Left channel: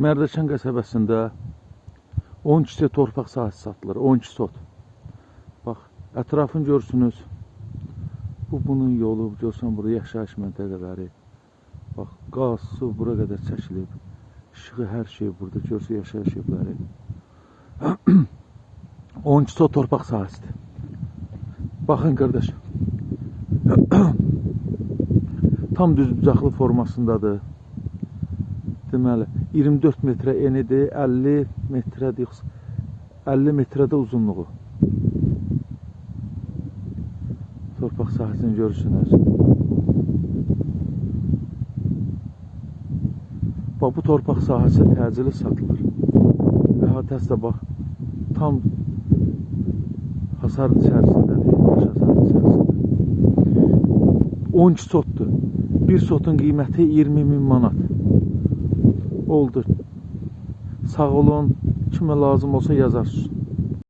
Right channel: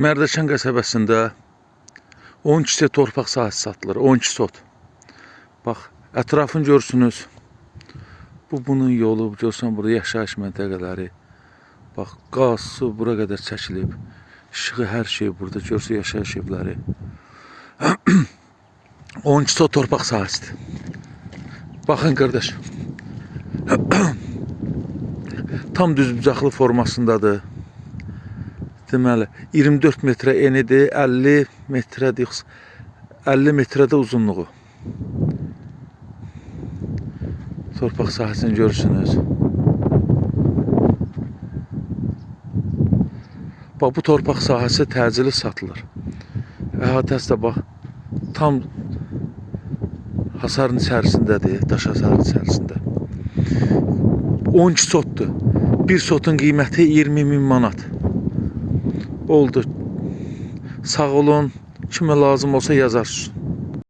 Mərdəkan qəsəbəsində 12 torpaq sahəsi satılır. 12 sot. Bax, ətrafını görürsünüz. Bunun yolu, görürsən burada yaşayış məntəqələri. Bax, qaz, su bura qədər çəkilib. İşığı, hər şey burada. Görürsən yaşayış evləri. 12 sot torpaq sahəsidir. Baxın qardaş. Tam düzbucaqlı formasındadır. Deməli, 24 metrə enidir, 50 metrədir, 50 metrədə uzunluğu. Torpaq sahəsini görürsünüz. Bax, bu torpaq sahəsi təcili satılır. Əhatəsi də bax, tam hasarın içərisindədir, daş hasarın içərisində. 12 sotdur. Bir sotun qiyməti 20.000 manat. Oldu. Sağ olun. Kimə lazım olsa yazarsın.